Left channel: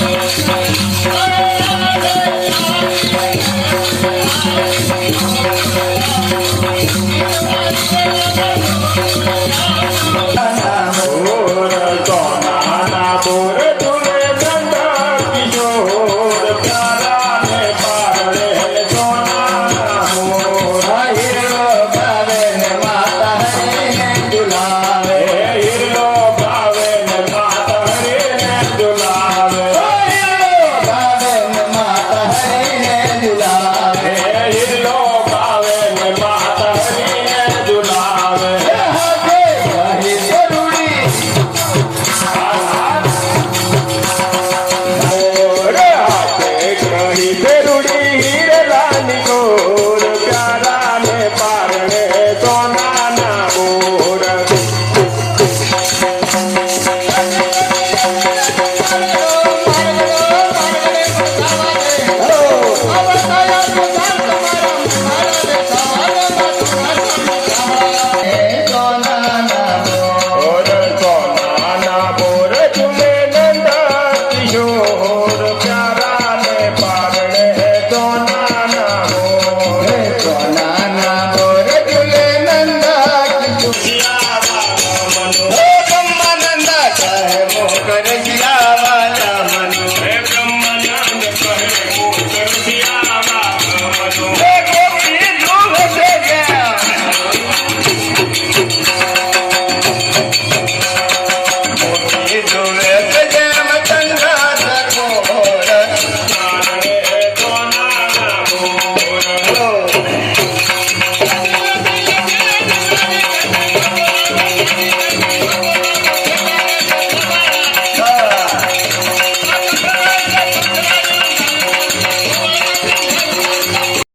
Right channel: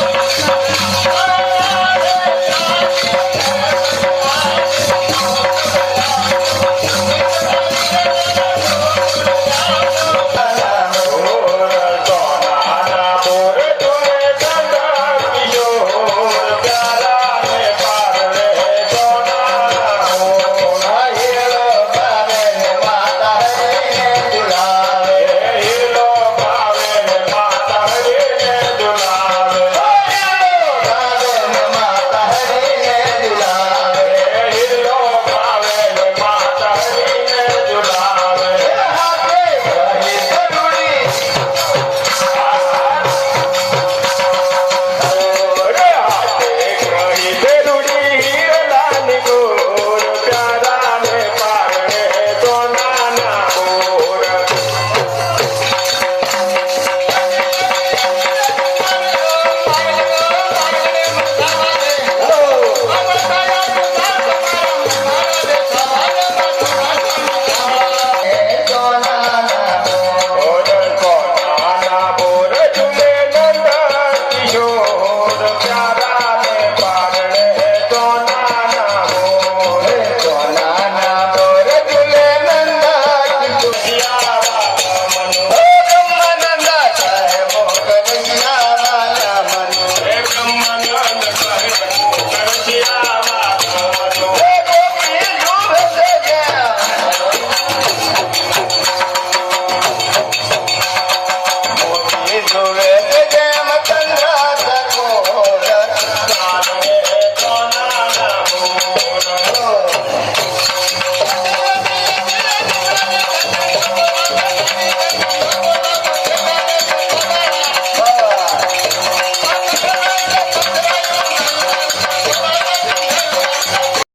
Oh, Oh! Oh.